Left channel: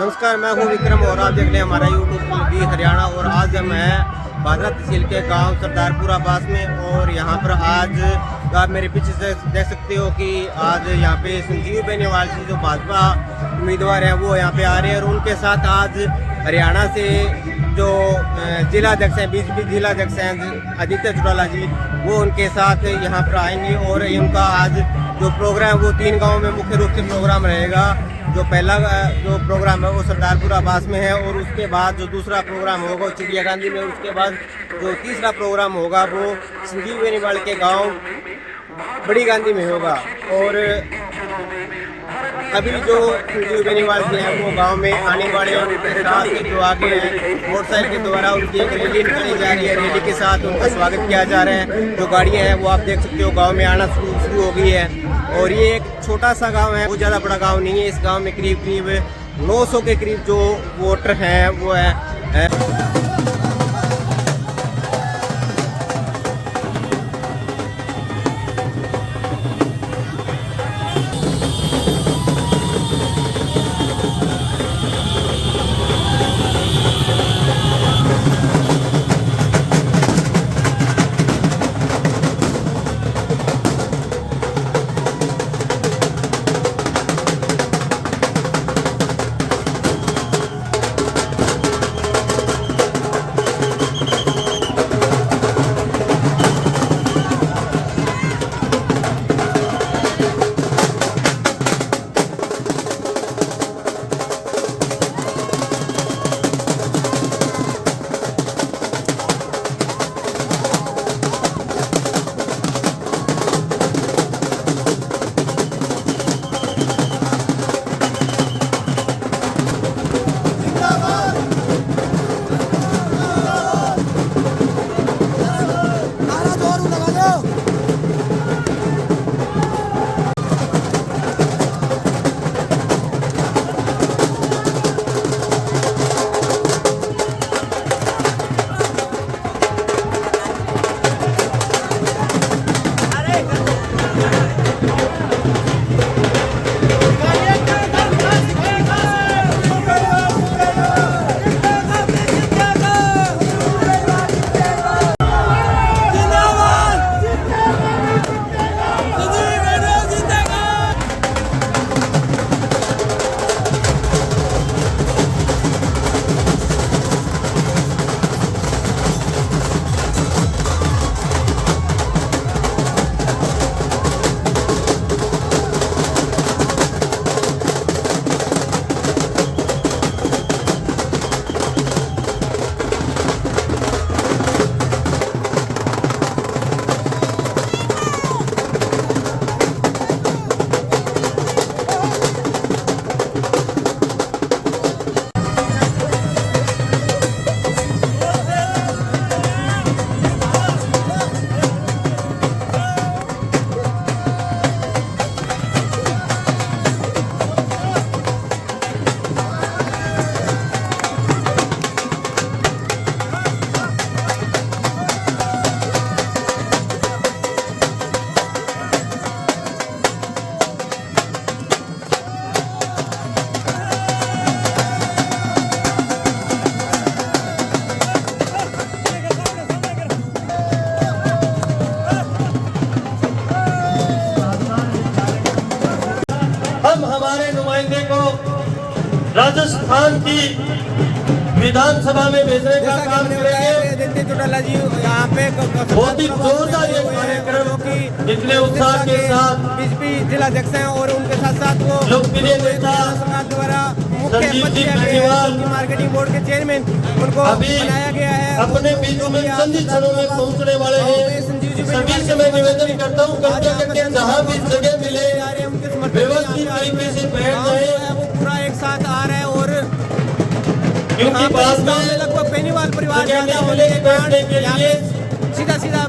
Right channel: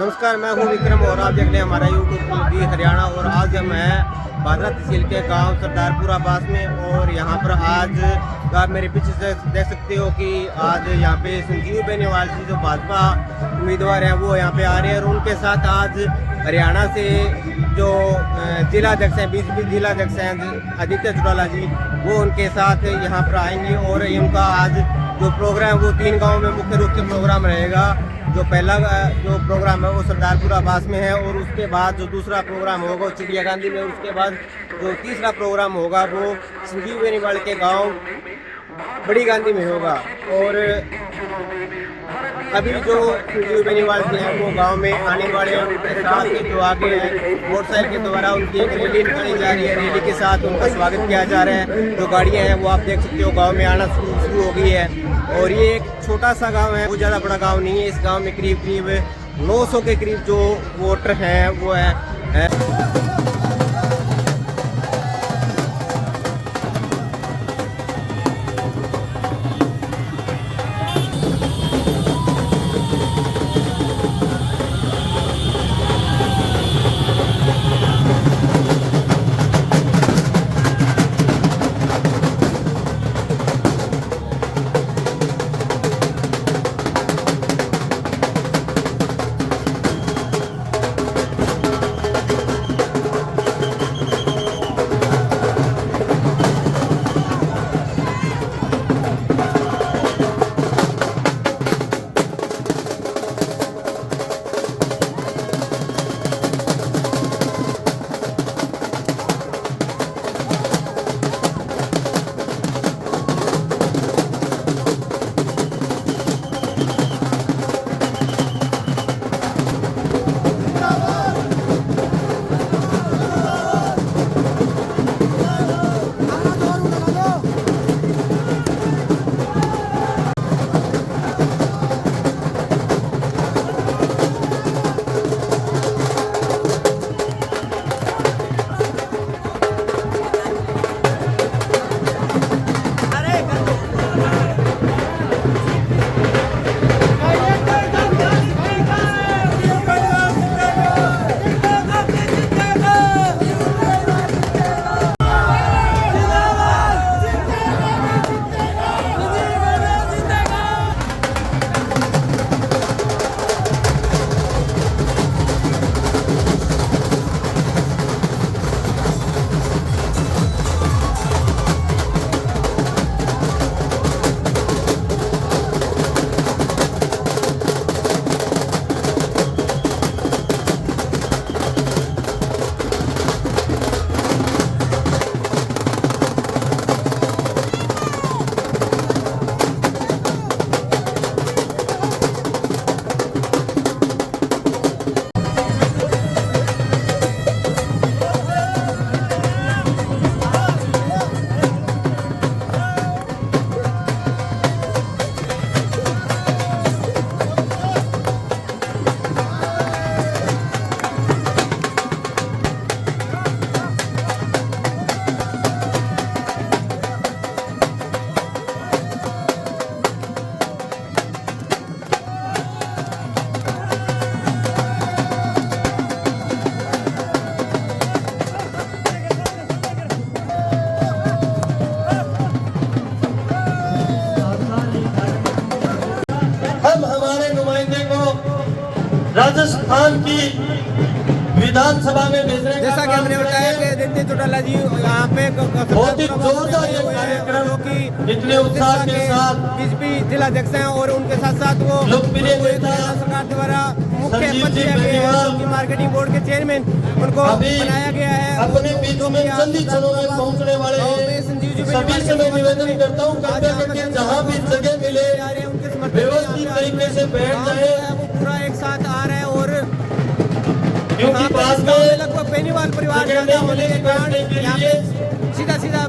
नमस्कार, मैं हूँ विक्रम और आप देख रहे हैं हमारा यूट्यूब टीवी हरियाणा। और आज मैं भादरा तहसील के गांव सरदारपुरा बास में, और यहाँ पर आज आप मेरे पीछे से देख सकते हो कि आज यहाँ पे संजीव बेनीवाल जी जो भाजपा उम्मीदवार हैं वो यहाँ पे आ रहे हैं। और उनके साथ आज हरियाणा से जो जिलाध्यक्ष हैं, बीजेपी जिलाध्यक्ष हैं आदित्य चौटाला जी, वो उनके साथ यहाँ पर आएंगे। और उनका आज जो प्रोग्राम वो 3 गाँव में मुख्य रूप से प्रोग्राम रहेगा। जो पहला जो प्रोग्राम है वो सरदारपुरा बास में है, और उसके बाद जो दूसरा प्रोग्राम होगा वो चिड़िया गांधी में, और उसके बाद जो तीसरा प्रोग्राम होगा वो संजीव बेनीवाल के गांव बड़ी गांधी में होगा। और अभी जो संजीव बेनीवाल जी हैं वो गांव में आने वाले हैं। उनके साथ जो आगे हैं मोटरसाइकिल के द्वारा उनकी एक रैली निकाली जा रही है। रैली के साथ उनका स्वागत किया जा रहा है। जो गाड़ियां हैं वो आप देख सकते हो गांव में आना शुरू हो गई है। और ये एक छोटा सा गांव है, बहुत ज़्यादा बड़ा गांव नहीं है। इस गांव में करीब 900 के करीब जो वोटर हैं वो है। राजस्थान की विधानसभा में भेजने का, जैसा कि हमने बताया कि आदित्य चौटाला जी यहाँ पे बहुत ही जोरदार हुए हैं, जो कि इतने उत्साह के साथ बीजेपी जिलाध्यक्ष हैं। और उनके साथ साथ वो हरियाणा सरकार द्वारा मुख्य पद दिया गया है, जो कि मार्केटिंग बोर्ड के चेयरमैन उनको बनाया गया है। अपने बीच में पहुंचने वाले हैं। संजीव जी सभी से मैं निवेदन करता हूँ जहाँ भी जगह मिले उनके समर्थन तरीके से बैठ जाए। वो पूरा एक साथ आ रहा है। और यहाँ पर इस गाँव में लगभग बेनीवाल परिवार ज्यादा होने के कारण यहाँ पे सीधा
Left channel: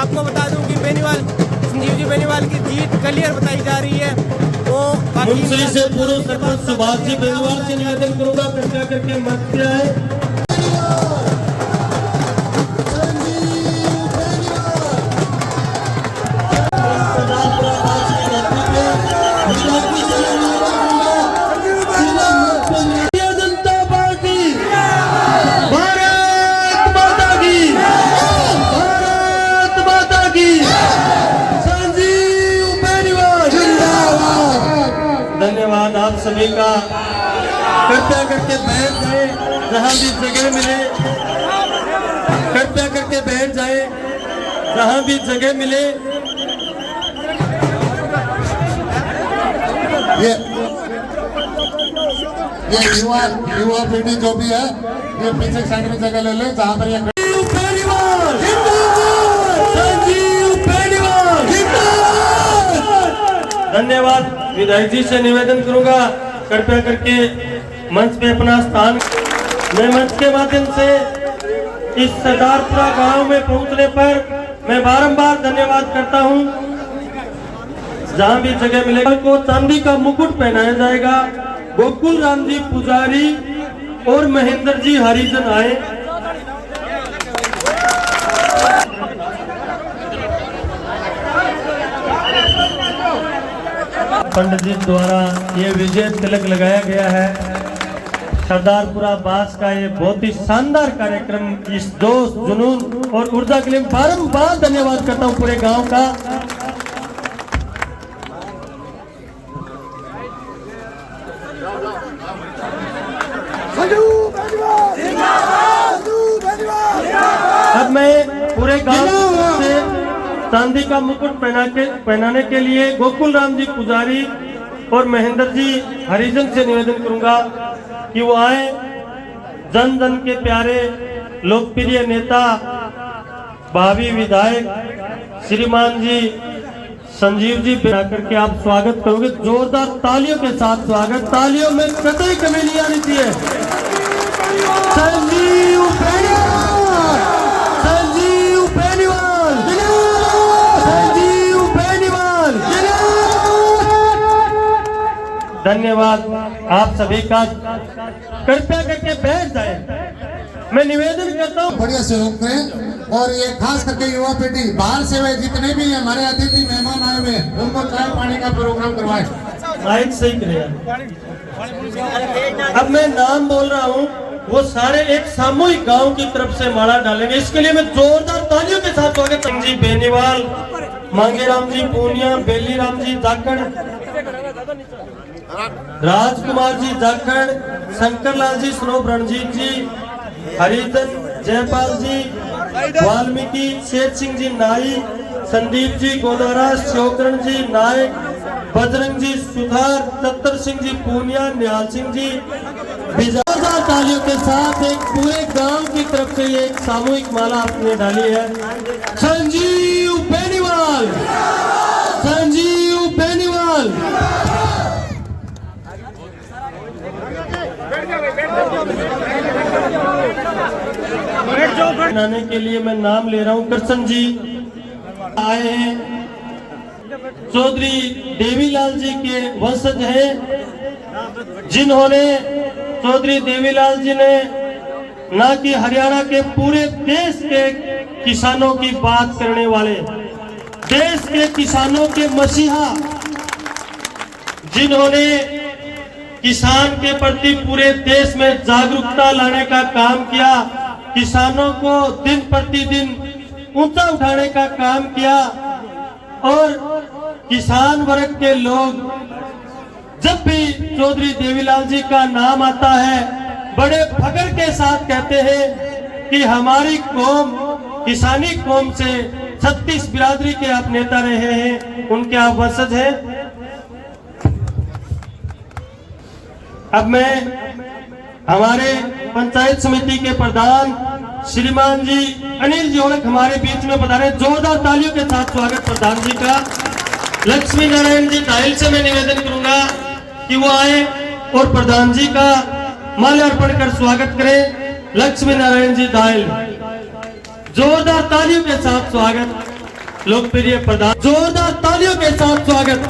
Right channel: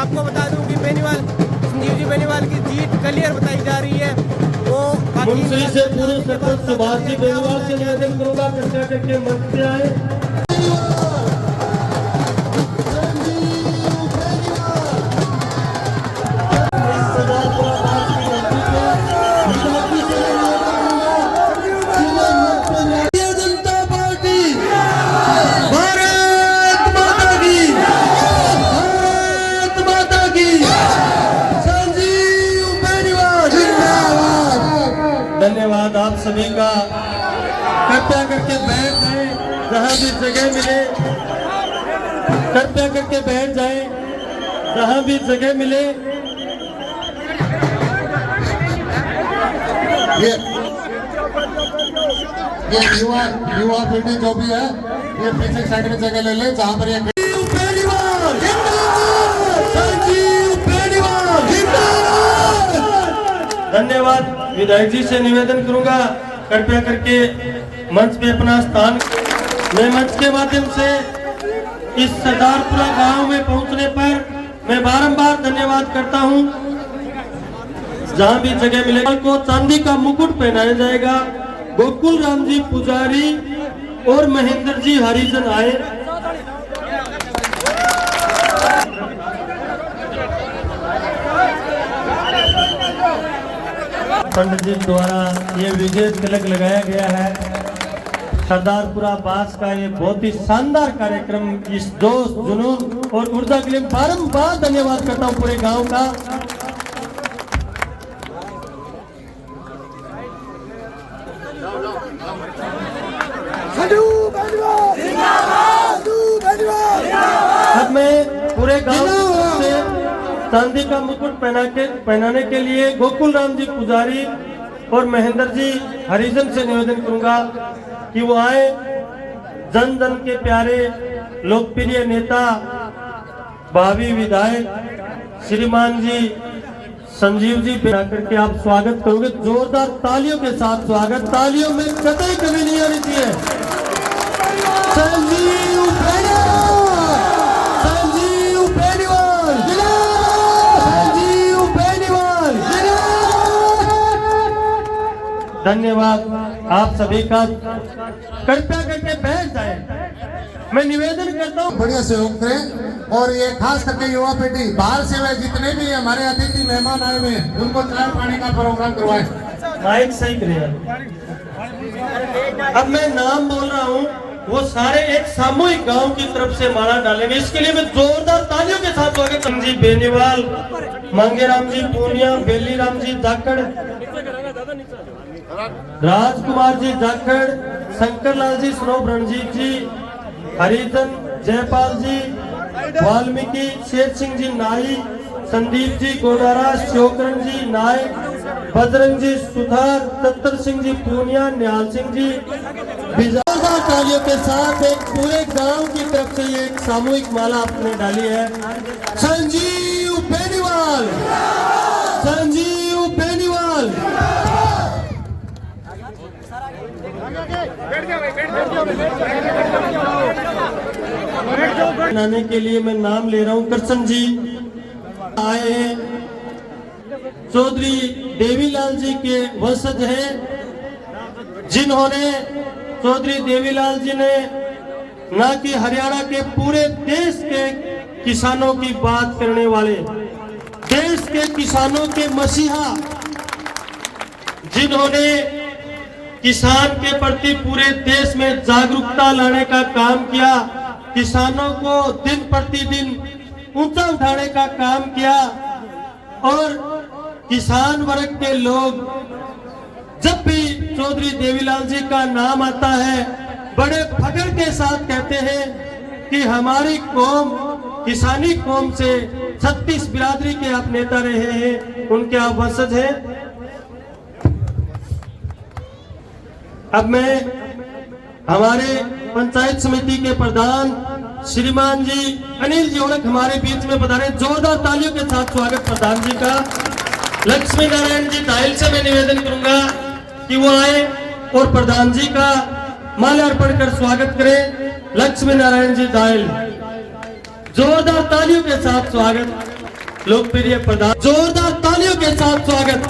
आपको बता दूं कि बेनीवाल संजीव जी बेनीवाल की जीत क्लियर बताई जा रही है। वो मुंशी से पूर्व सरपंच सुभाष जी बेनीवाल से निवेदन करूंगा कृपया करके मंच पे आए। कृपया करके बैठ जाए जहां भी जगह मिले, कृपया करके बैठ जाए जहां भी जगह मिले। ये युवा पीढ़ी जो भी है ये पीछे साइड में जगह ले ले जहां पर ये धन्यवाद। विधायक जी से निवेदन करूंगा कृपया करके मंच पे अपना स्थान। मैं मंच के माध्यम से इस सरदारपुरा गांव में पहुंचने पर मैं बारंबार धन्यवाद करता हूं। जहां भी जगह मिलेगा को चांदी का मुकुट पहनाया जाएगा। गोकुल राम जी पुजारी और महेंद्र जी हरिजन आए। पंडित जी द्वारा ये विजय तिलक लगाया गया है। सरदारपुरा बास का ये बहुत ही शानदार कार्यक्रम, इस जोश जुनून और ऊर्जा के लिए बारंबार धन्यवाद करता हूँ पूरे गांव का। अब मैं पूरे गांव से चांदी का मुकुट पहनाने के लिए गोकुल राम जी पुजारी और महेंद्र जी हरिजन से निवेदन करूंगा कि वो आए। जन जन के प्यारे लोकप्रिय नेता भावी विधायक श्रीमान जी संजीव जी बना करके आप स्वागत करोगे। जोरदार तालियों के साथ स्वागत। तालियों में कतई कमी नहीं आनी चाहिए। संजीव बेनीवाल, संजीव बेनीवाल, संजीव बेनीवाल। धन्यवाद आप सभी का। कृपया करके बैठ जाए। मैं निवेदन करता हूँ बढ़िया सहयोग करें और ये खास करके युवा पीढ़ी बाहर से वे जितने भी हमारे अतिथि मेहमान आए हुए हैं उनको चाय पानी का प्रोग्राम करवाएं। माइक सही करिए। अब मैं नाम बोल रहा हूँ, वो सारे एक सामूहिक गांव की तरफ से माला डालेंगे। इसके लिए मैं जोरदार तालियों के साथ स्वागत। जी बेनीवाल, मांगेराम जी पूनिया, बेली राम जी जाखड़, राजकुमार जी जाखड़, शंकरलाल जी स्नोब, रणजीत जी हरिजन, जयपाल जी वाल्मीकि, शेर सिंह जी नाई, संदीप जी गोदारा, शिवकरण जी नायक, बजरंग जी सुधार, दत्तर सिंह जी पूनिया, निहाल सिंह जी बिजादा। तालियों के साथ एक पूरे गांव की तरफ से ये एक सामूहिक माला आपने डाली है। संजीव बेनीवाल, संजीव बेनीवाल। बनाने के लिए मैं नाम ले रहा हूं। कृष्ण जी आए हैं। चौधरी देवीलाल जी के वंशज हैं, जिन्होंने चौधरी देवीलाल जी ने ना कि हरियाणा के पूरे देश के किसानों की बात करने वाले, देश के किसानों के मसीहा, जिन्होंने किसान के प्रति पूरे देश में जागरूकता लाने का काम किया, किसानों को दिन प्रतिदिन ऊंचा उठाने का काम किया। और किसान वर्ग के लोग जब भी चौधरी देवीलाल जी का नाम आता है बड़े फख्र के साथ कहते हैं कि हमारी कौम किसानी कौम से 36 बिरादरी के आप नेता रहे हैं, उनके आप वंशज हैं। अब मैं हमारे पंचायत समिति के प्रधान श्रीमान जी अनिल जी ओलख हमारे बीच में बता रहे हैं। जोरदार तालियों के साथ स्वागत प्रधान जी का। लक्ष्मी नारायण जी डायल से मैं निवेदन करूंगा कि वो आए और प्रधान जी का माल्यार्पण कर स्वागत करें। लक्ष्मी नारायण जी डायल, जोरदार तालियों के साथ स्वागत। लोकप्रिय प्रधान, जोरदार तालियों के साथ स्वागत।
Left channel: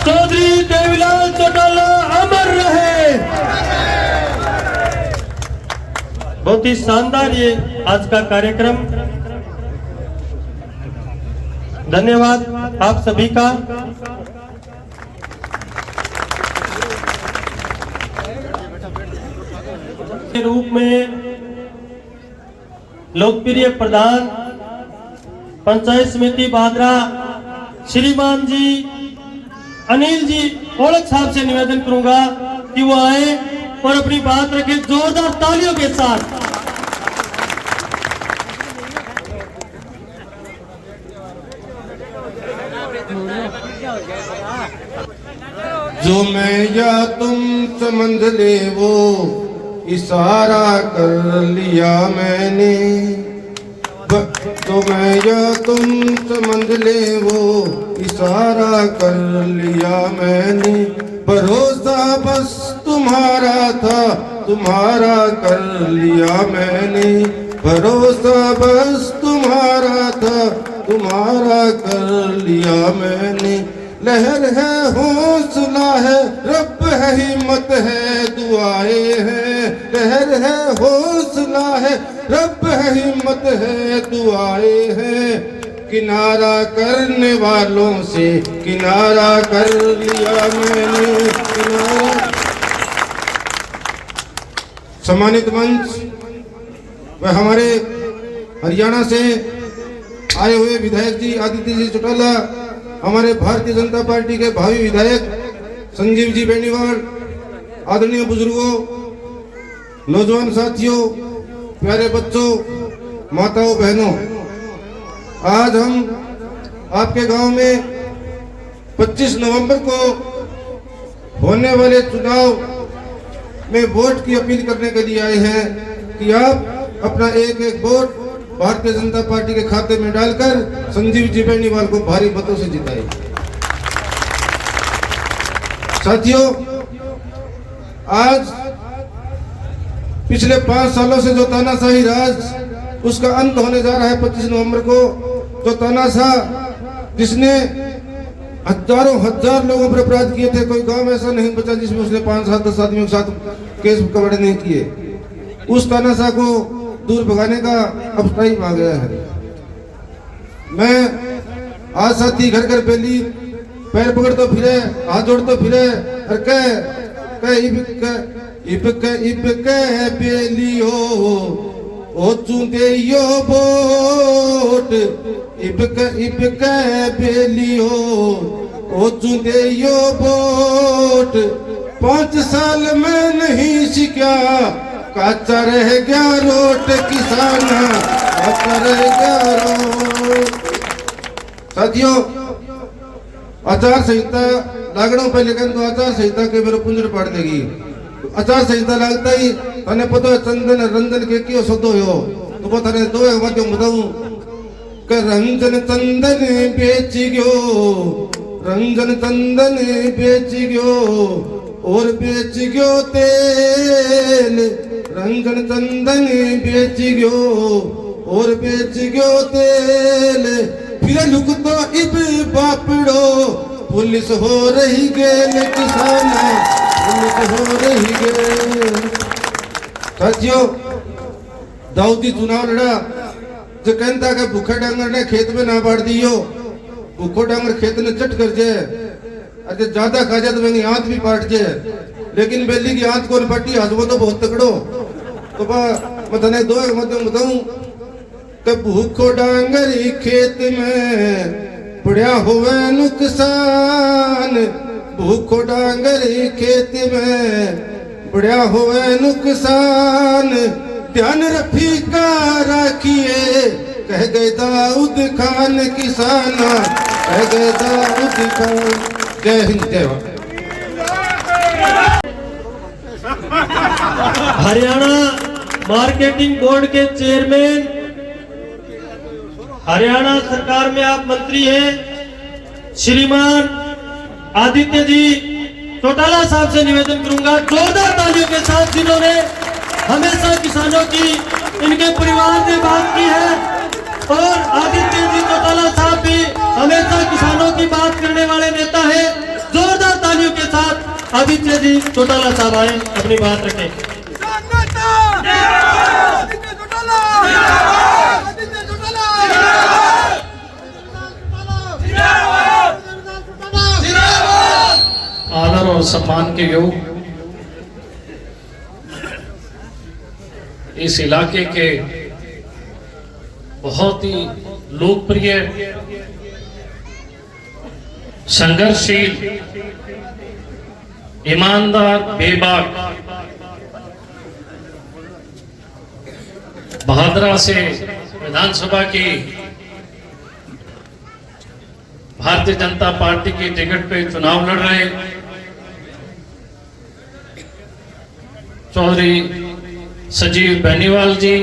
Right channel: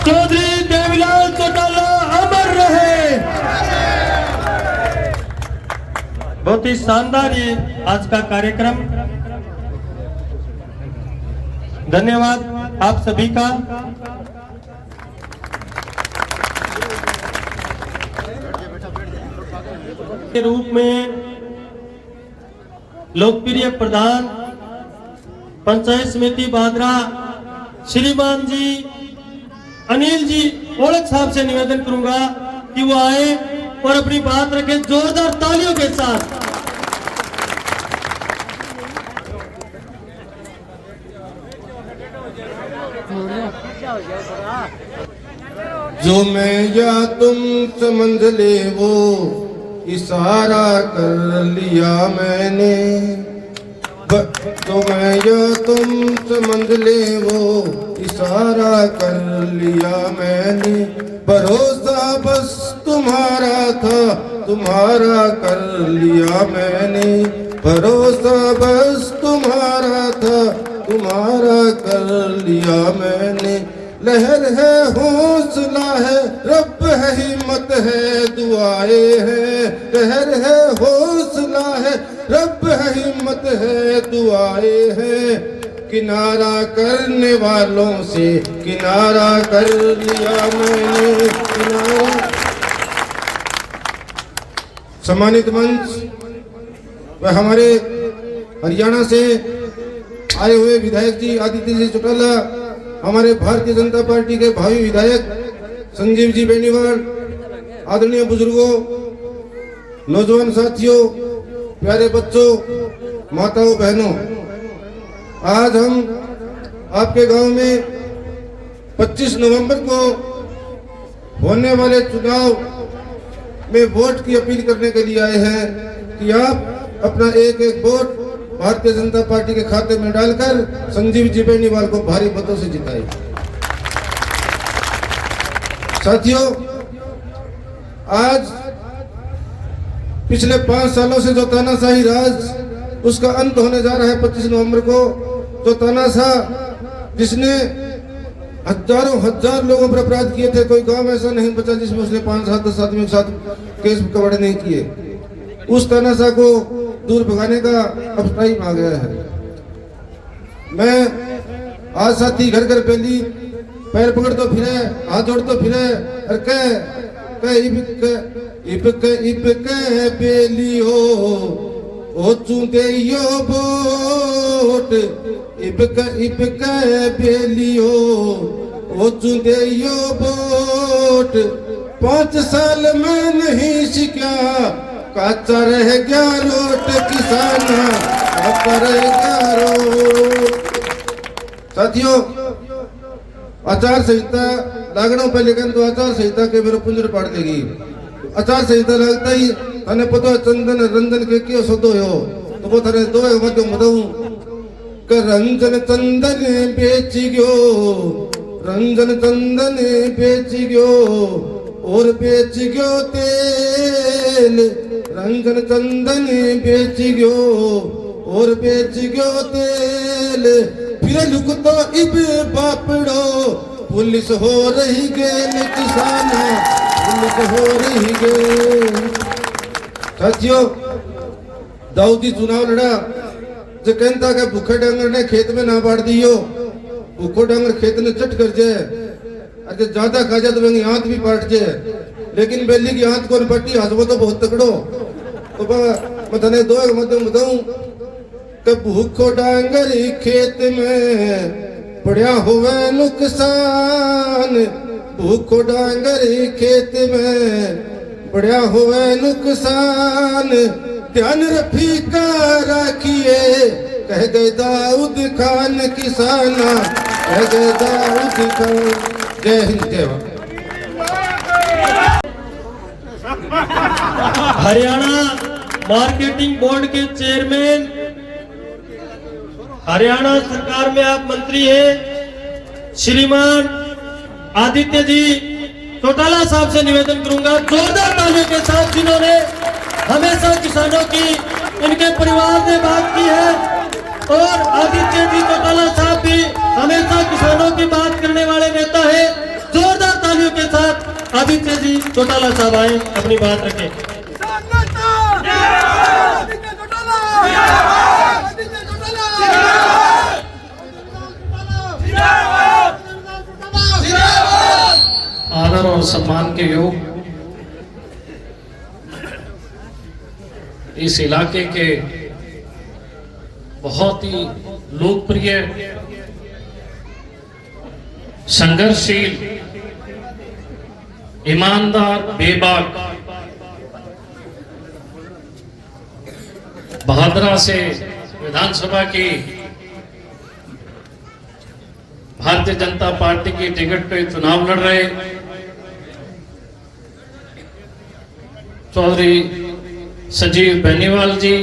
चौधरी देवीलाल चौटाला अमर रहे। बहुत ही शानदार ये आज का कार्यक्रम। धन्यवाद आप सभी का। के रूप में लोकप्रिय प्रधान पंचायत समिति बादरा श्रीमान जी अनिल जी ओलख साहब से निवेदन करूंगा कि वो आए और अपनी बात रखें जोरदार तालियों के साथ। जो मैं या तुम समझ ले वो इशारा कर लिया मैंने, जो मैं या तुम समझ ले वो इशारा कर लिया मैंने, भरोसा बस तुम्हारा था तुम्हारा कर लिया मैंने, भरोसा बस तुम्हारा था तुम्हारा कर लिया मैंने। लहर है हौसला है रब है हिम्मत है दुआएं हैं, लहर है हौसला है रब है हिम्मत है दुआएं हैं, किनारा करने वालों से किनारा कर लिया मैंने किनारा। सम्मानित मंच व हमारे हरियाणा से आए हुए विधायक जी आदित्य जी चौटाला, हमारे भारतीय जनता पार्टी के भावी विधायक संजीव जी बेनीवाल, आदरणीय बुजुर्गों, नौजवान साथियों, प्यारे बच्चों, माताओं बहनों, आज हम आपके गांव में 25 नवंबर को होने वाले चुनाव में वोट की अपील करने के लिए आए हैं कि आप अपना एक एक वोट भारतीय जनता पार्टी के खाते में डालकर संजीव जी बेनीवाल को भारी मतों से जिताए। साथियों, आज पिछले 5 सालों से जो तानाशाही राज उसका अंत होने जा रहा है 25 नवंबर को। जो तानाशाह जिसने हजारों हजार लोगों पर अपराध किए थे, कोई गांव ऐसा नहीं बचा जिसमें उसने 5-7-10 आदमियों के साथ केस कबाड़े नहीं किए। उस तानाशाह को दूर भगाने का अब टाइम आ गया है। मैं आज साथी घर घर पहली पैर पकड़ तो फिरे, हाथ जोड़ तो फिरे और कह पेली हो ओ चूंके यो वोट इबक पेली हो ओ चूंके यो वोट 5 साल में नहीं सीखा काचा रह गया रोट किसान काचा रह गया रोट। साथियों, आचार संहिता लागणों पर लेकिन तो आचार संहिता के मेरे पुंजर पाड़ देगी। आचार संहिता लगता ही तने पता चंदन रंजन के क्यों शब्द हो तो वो थाने दो मत बताऊं कि रंजन चंदन बेच गयो, रंजन चंदन बेच गयो और बेच गयो तेल, रंजन चंदन बेच गयो और बेच गयो तेल, फिर लुक तो इब बापड़ो पुलिस हो रही गेल किसान पुलिस हो रही गेल। साथियों, दाऊदी चुनाव लड़ा जो कहता कि भूखे डांगर ने खेत में ना बाढ़ दियो, भूखो डांगर खेत ने चट कर जाए, अरे ज्यादा खा जाए तो मेरी हाथ भी पाट जाए, लेकिन बेली की हाथ कौन पट्टी हजबो तो बहुत तकड़ो। तो मैं तने दो मत बताऊं कि भूखो डांगर खेत में पड़ा हुए नुकसान, भूखो डांगर खेत में पड़ा हुए नुकसान, ध्यान रफी का रखिए कह गए दाऊद खान किसान, कह गए दाऊद खान। जय हिंद, जय भारत। हरियाणा मार्केटिंग बोर्ड के चेयरमैन, हरियाणा सरकार में आप मंत्री हैं, श्रीमान आदित्य जी चौटाला साहब से निवेदन करूंगा जोरदार तालियों के साथ, जिन्होंने हमेशा किसानों की इनके परिवार ने बात की है, और आदित्य जी चौटाला साहब भी हमेशा किसानों की बात करने वाले नेता है। जोरदार तालियों के साथ आदित्य जी चौटाला साहब आए, अपनी बात रखें। आदर और सम्मान के योग इस इलाके के बहुत ही लोकप्रिय संघर्षशील ईमानदार, बेबाक, बहादुरा से विधानसभा की भारतीय जनता पार्टी की टिकट पे चुनाव लड़ रहे चौधरी संजीव बेनीवाल जी,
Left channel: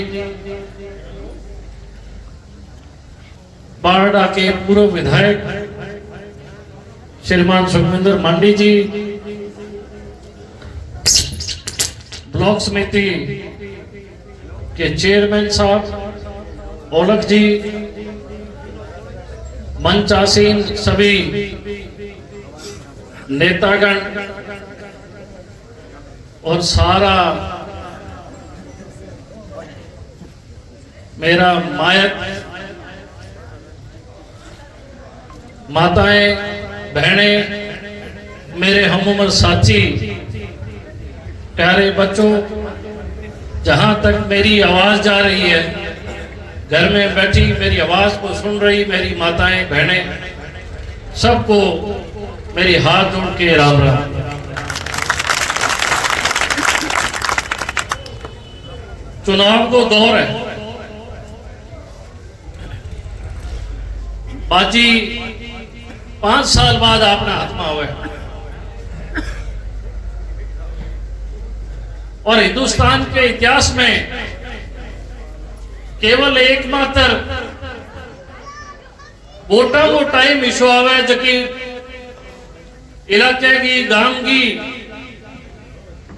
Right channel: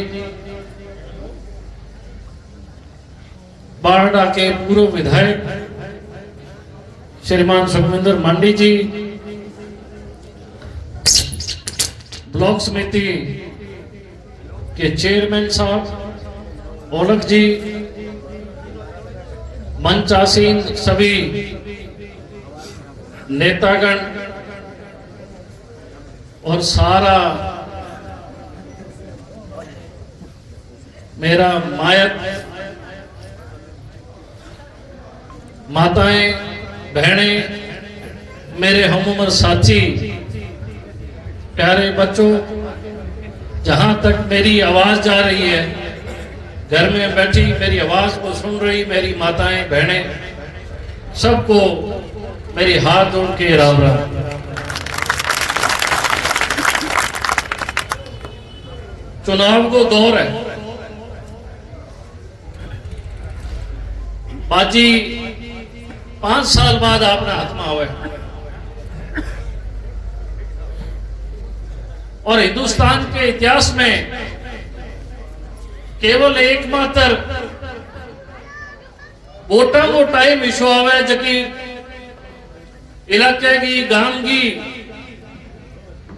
बारडा के पूर्व विधायक श्रीमान सुखविंदर मांडी जी, ब्लॉक समिति के चेयरमैन साहब औलख जी, मंच आसीन सभी नेतागण और सारा मेरा मायत माताएं, बहनें, मेरे हमउम्र साथी, प्यारे बच्चों, जहां तक मेरी आवाज जा रही है, घर में बैठी मेरी आवाज को सुन रही मेरी माताएं, बहनें, सबको मेरी हाथ जोड़ के राम राम। चुनाव को दौर है, बाजी 5 साल बाद आपने हाथमा हुआ है और हिंदुस्तान के इतिहास में केवल एकमात्र वोटा वो टाइम इशू आवे जबकि इलाके की गांव की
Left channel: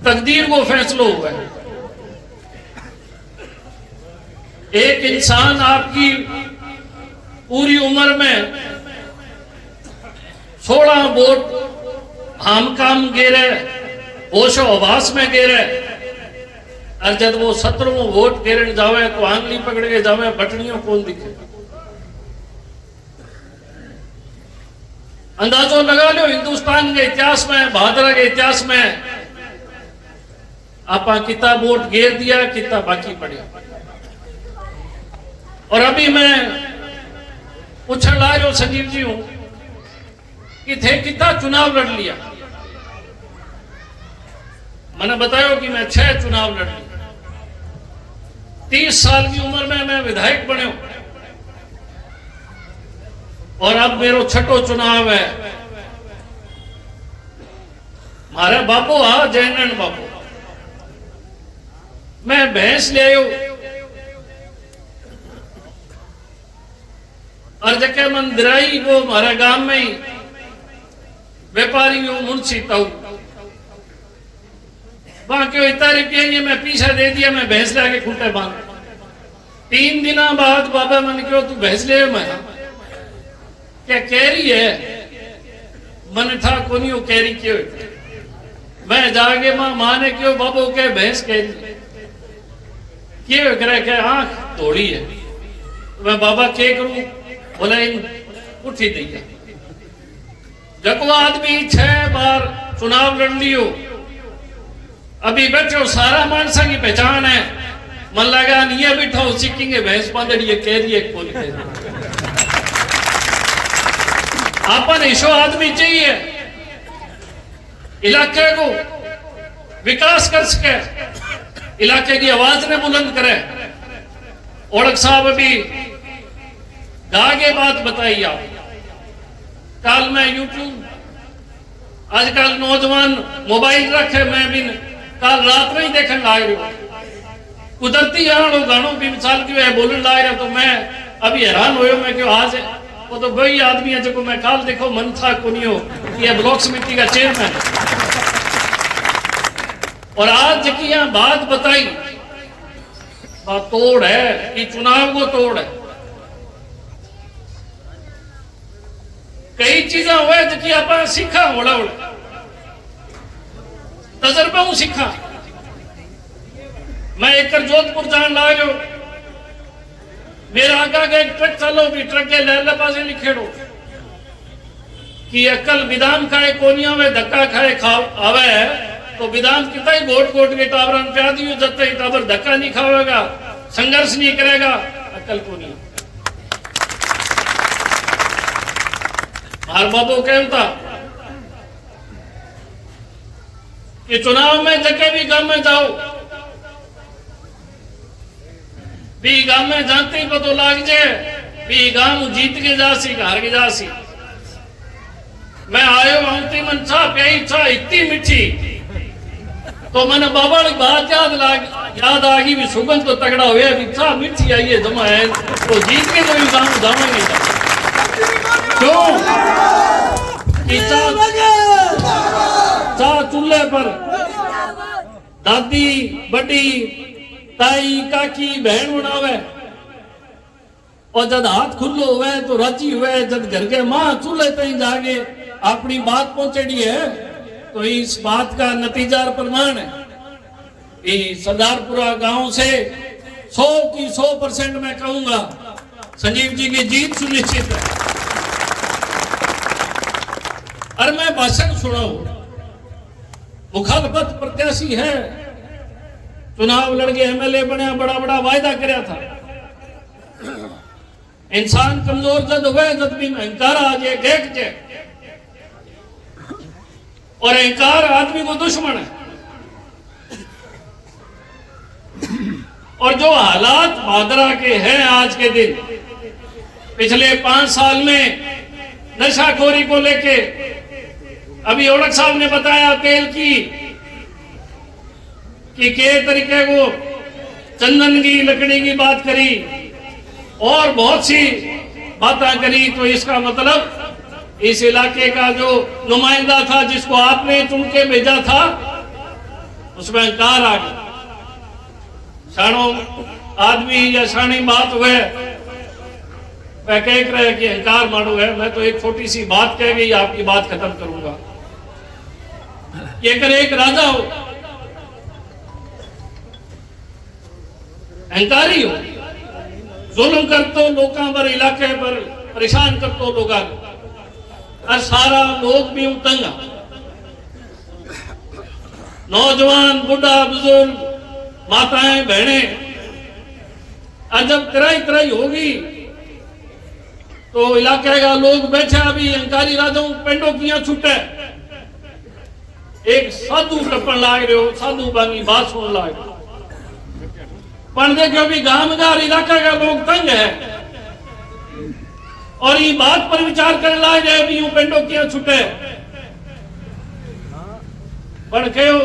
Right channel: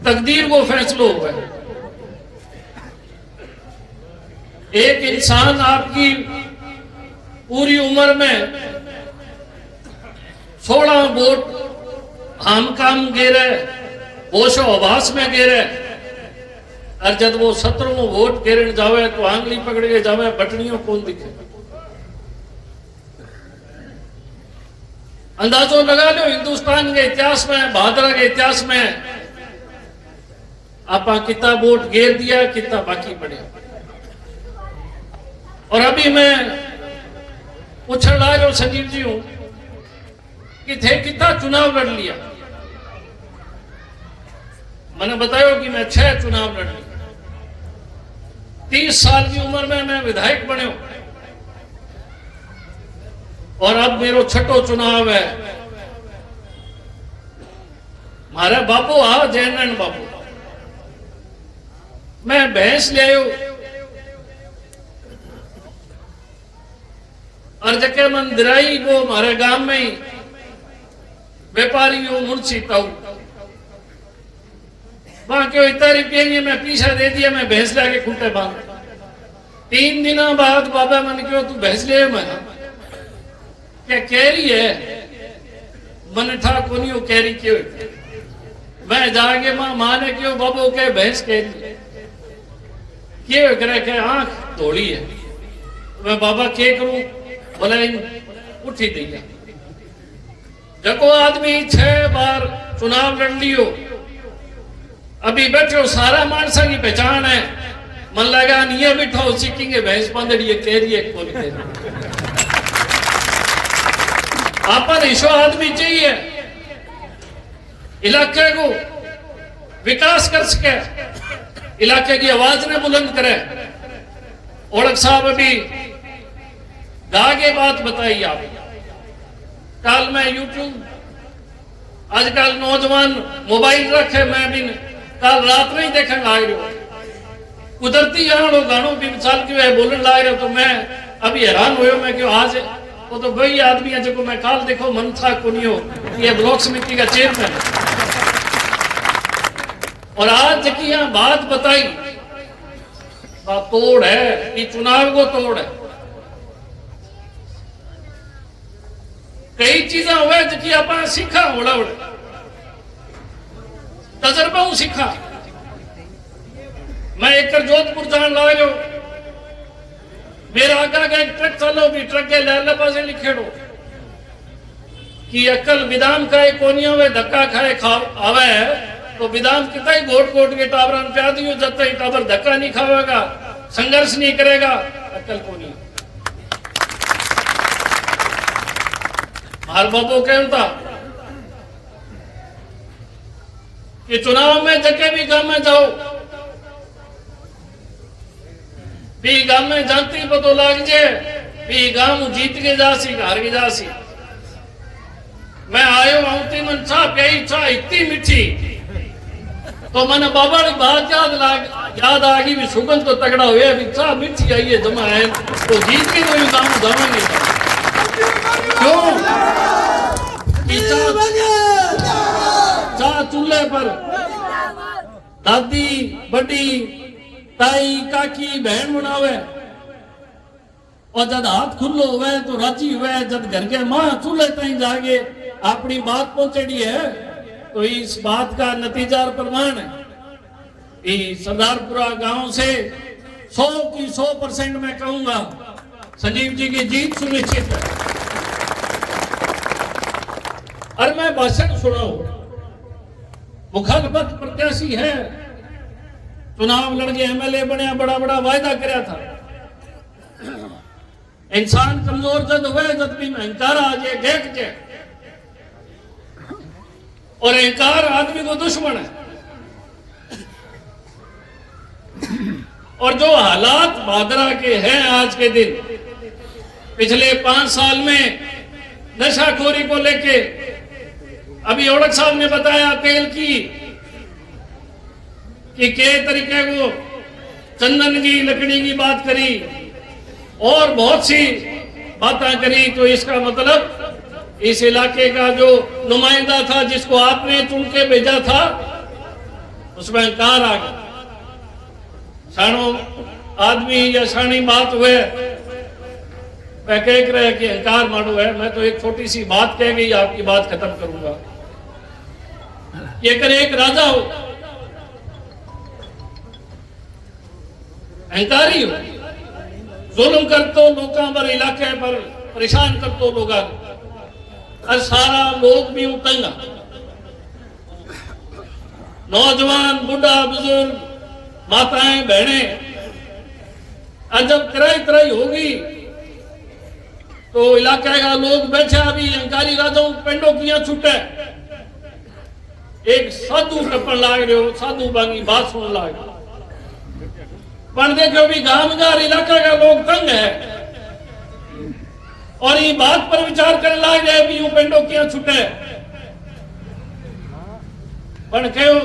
तकदीर को फैसलो हुआ है। एक इंसान आपकी पूरी उम्र में 16 वोट हम काम गिरे, होशो आवास में गिरे, और जब वो 17वां वोट गिरने जावे तो आंगली पकड़ के जावे, बटनियों कौन दिखे। अंदाजों लगा लो हिंदुस्तान के इतिहास में, बहादुर के इतिहास में आप कितना वोट गिर दिया, कितना बाकी पड़े। और अभी मैं पूछने लगा संजीव जी हूं कि थे कितना चुनाव लड़ लिया। मैंने बताया कि मैं 6 चुनाव लड़ लिया। 30 साल की उम्र में मैं विधायक बने और अब मेरा 6ठो चुनाव है। मारे बापू आ जयनन बापू, मैं भैंस ले आयो और जगह मंदिराई वो हमारे गांव में ही व्यापारी मुंशी ताऊ बाकी इतना रुपये मैं पीछे दे दिया, मैं भैंस लाके खूंटे बांध। 3 दिन बाद बाबा मन क्यों तू भैंस ले, मैं क्या कह रही है, मन था को नहीं कह रही क्यों। मैं जाके मां ने क्यों बाबू के भैंस कह रही क्यों करे आंख दौड़ी है। मैं बाबा के करूं, बोला उठी दी। जको आदमी 6 बार चुनाव लड़ लियो, अभी बैठो सारा मानसा की पहचान है, मन लगा नहीं बैठो सीखेंगे भैंस बांधड़ी है, कह रही है कौन कह रही। आपन ईशो आदमी चाहिए इलाके को विकास कर सके, इलाके की आवाज ने बुलंद करे। औलख साहब अभी आगे बात बताई आप, कल मैं यूट्यूब, आजकल नौजवान मोबाइल रखे, मैं भी कल रात में ही देखने लाग रहा कुदरती गानों भी मिसाल की वह बोलने लाग रहा, तो मैं अभी हैरान हुए मैं क्यों आज वो तो वही आदमी है जो मैं कल देखो मन था कुनियो ये ब्लॉक समिति का चेयरमैन है। और आज की यहाँ बात बताई, बात तोड़ है कि चुनाव को तोड़ है। कई चीजें हुए जिसकी आप सीखा, ओढ़े तजर्बा हूं सीखा। मैं एक जोधपुर जान ला गयो, मेरा आगा के एक ट्रक चलो भी, ट्रक के लहले पासे लिखे रो कि अकल विदाम खाए कोनियों में धक्का खाए आवे, तो विदाम कितना ही घोट के टावर प्या दियो, जब तक टावर धक्का नहीं खावेगा, संघर्ष नहीं करेगा, अकल को नहीं। हर बाबू कहता कि चुनाव में जगह भी गांव में जाओ, भी गांव में जाते ही पतो लाग जाए भी गांव जीत के जासी हार के जासी। मैं आयो आती मन चाह प्याई चाह इतनी मीठी, तो मैंने बाबा की बात याद आ गई भी सुगंध तो तगड़ा हुआ भी चाह मीठी आई है जमा है तो जीत के कोई गांव जाओगे क्यों? चाह चूल्हे पर दादी बड़ी ताई काकी बहन बनावे, और जब हाथ खुल्लो हुए तो राजी हुए, जब घर के मां चूल्हे तक जाके अपनी बात पहुंचेड़ी है तो इस बात का नतीजा और प्रमाण है। इस सरदारपुरा गांव से 100 की 100% मैं कहूंगा संजीव जी की जीत सुनिश्चित है। और मैं भाषण सुनाऊ, मुखालफत प्रत्याशी है, चुनाव लड़के एमएलए बने, बड़ा बड़ा वायदा कराया था। इंसान कमजोर जद हुए जद भी अहंकार आ जाए देख जाए, और अहंकार आदमी को दुश्मन है। और जो हालात भादरा के हैं आज के दिन, पिछले 5 साल में नशाखोरी को लेके, अभी औड़क साहब ने बताया तेल की कि के तरीके को चंदन की लकड़ी की बात करी और बहुत सी बातें करी, तो इसका मतलब इस इलाके का जो नुमाइंदा था जिसको आपने चुन के भेजा था उसमें अहंकार आ गया। साणो आदमी या साणी बात हुए मैं कह रहे कि अहंकार मारू है। मैं तो एक छोटी सी बात कह गई, आपकी बात खत्म करूंगा। ये अगर एक राजा हो, अहंकारी हो, जुल्म करतो लोगों पर, इलाके पर परेशान करतो लोगों और सारा लोग भी उतंगा, नौजवान बुढ़ा बुजुर्ग माताएं बहनें, और जब किराई किराई होगी तो इलाके का लोग बैठे अभी अहंकारी राजाओं पेंडों किया छूटे, एक साधु टप्पन लाग रहे हो, साधु बांगी बात सुन लाग रहे हो। पर देखो भी गांवदार इलाके का लोग तंग है और ये बात पर विचार करने लाग गए भी यूं पेंडों किया छूटे। पर कहो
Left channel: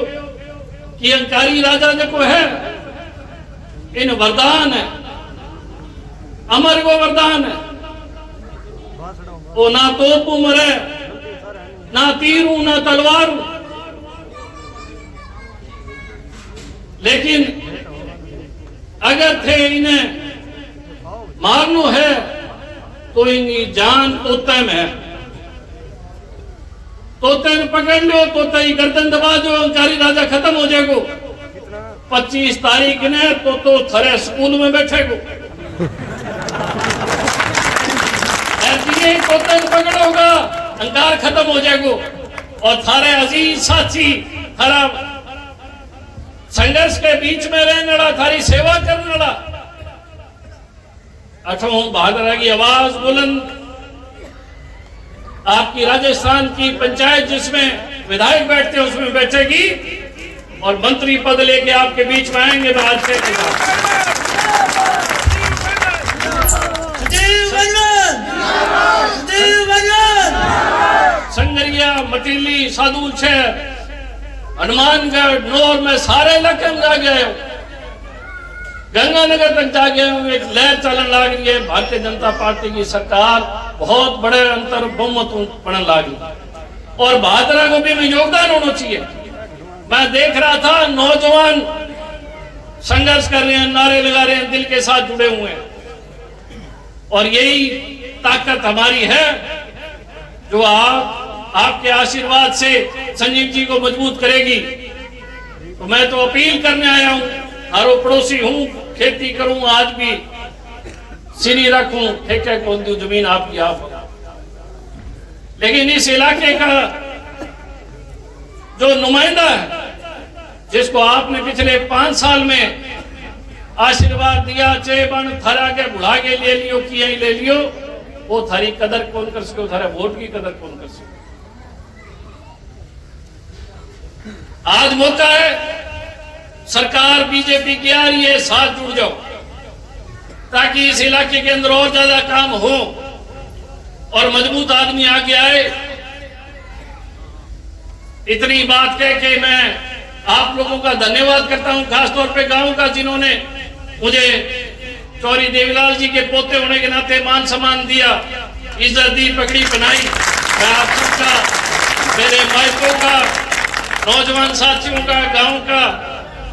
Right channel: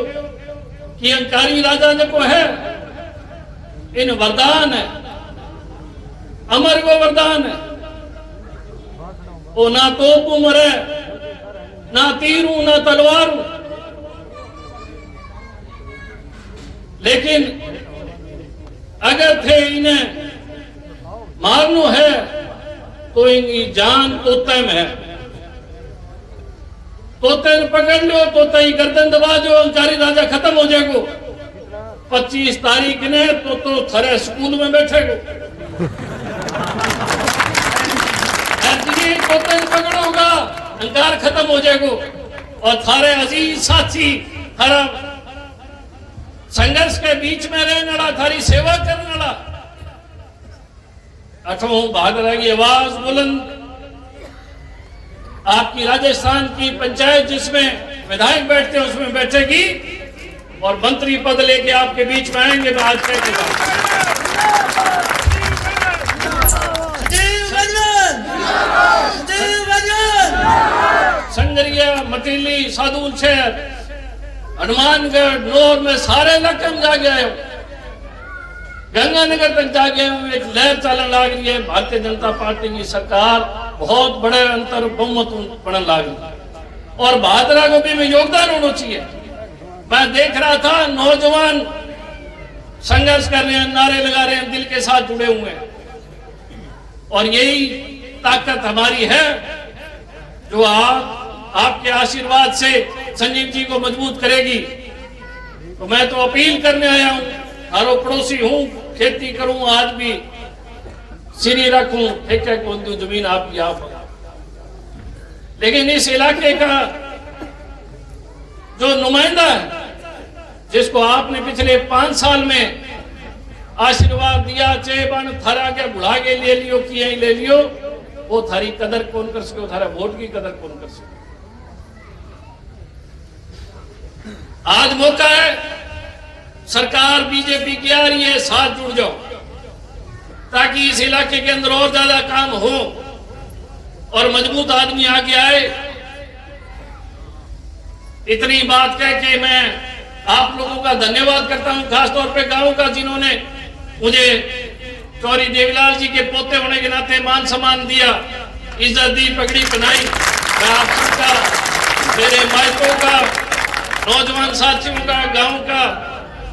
कि अहंकारी राजा जो है इन वरदान है, अमर को वरदान है, वो ना तोप मरे, ना तीर हूं, ना तलवार हूं, लेकिन अगर थे इन्हें मारनो है तो इनकी जान तोते में है। तोते पकड़ लो, तोते ही गर्दन दबा जो, अहंकारी राजा खत्म हो जाएगो। 25 तारीख ने तो थरे स्कूल में बैठेगो, तोते पकड़ोगा अहंकार खत्म हो जाएगो। और थारे अजीज साथी थारा संघर्ष के बीच में रहने वाला, थारी सेवा करने वाला, अठों भादरा की आवाज बुलंद, आपकी राजस्थान की पंचायत जिसमें विधायक बैठते हैं उसमें बैठेगी और मंत्री पद लेके आपके बीच में आएंगे। आज के संगरिया, मटीली, सादुल शहर, हनुमानगढ़, नौर में सारे इलाके में जा गए, गंगानगर तक जा गए। एक लहर चलन लग रही है, भारतीय जनता पार्टी की सरकार बहुत बड़े अंतर बहुमत बढ़ने लगी और भादरा को भी योगदान होना चाहिए। मैं देख रहा था नौजवान संघर्ष कर रहे हैं, नारे लगा रहे हैं, दिल के साथ जुड़े हुए हैं, और यही ताकत हमारी है जो आपके आशीर्वाद से संजीव जी को मजबूत करेगी। तो मैं तो अपील करने आया हूं, हारो पड़ोसी हूं, खेती करूं, आज भी सीरी रखूं, ठेके को दूं, जमीन आपकी आप, लेकिन इस इलाके का जो नुमाइंदा है जिसको आपने पिछले 5 साल में आशीर्वाद दिया, चेबन थरा के बुढ़ा के ले लियो, किया ही ले लियो, वो थारी कदर कौन कर सके, थारा वोट की कदर कौन कर सके। आज मौका है, सरकार बीजेपी की आ रही है, साथ जुड़ जाओ ताकि इस इलाके के अंदर और ज्यादा काम हो और मजबूत आदमी आगे आए। इतनी बात कह के मैं आप लोगों का धन्यवाद करता हूं, खासतौर पे गांव का, जिन्होंने मुझे चौरी देवीलाल जी के पोते होने के नाते मान सम्मान दिया, इज्जत दी, पगड़ी पहनाई। मैं आप सबका, मेरे मायकों का, नौजवान साथियों का, गांव का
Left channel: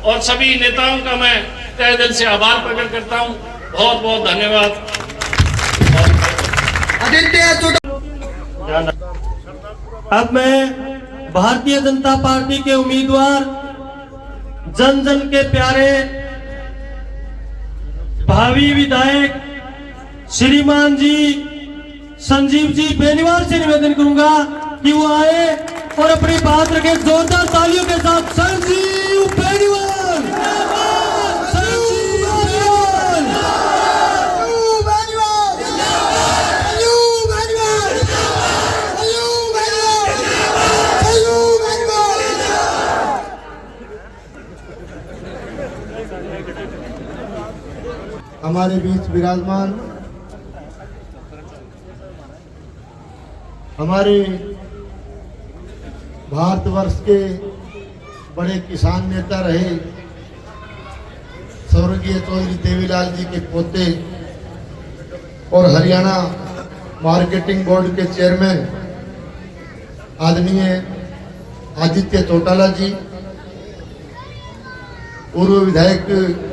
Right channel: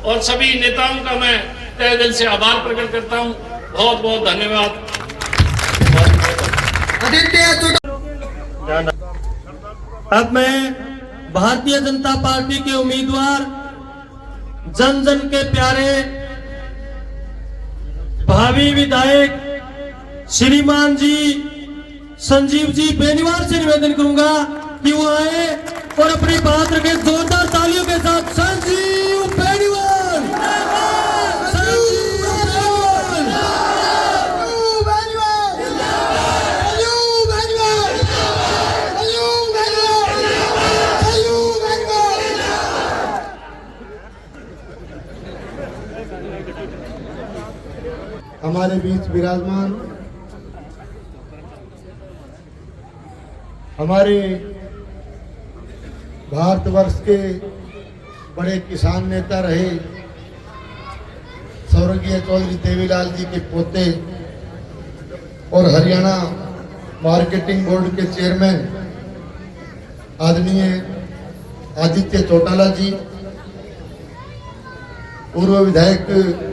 और सभी नेताओं का मैं तहे दिल से आभार प्रकट करता हूं। बहुत बहुत धन्यवाद। अब मैं भारतीय जनता पार्टी के उम्मीदवार, जन जन के प्यारे भावी विधायक श्रीमान जी संजीव जी बेनीवाल से निवेदन करूंगा कि वो आए और अपनी बात रखे जोरदार तालियों के साथ। संजीव बेनीवाल, संजीव हमारे बीच विराजमान हमारे भारतवर्ष के बड़े किसान नेता रहे स्वर्गीय चौधरी देवीलाल जी के पोते और हरियाणा मार्केटिंग बोर्ड के चेयरमैन आदरणीय आदित्य चौटाला जी, पूर्व विधायक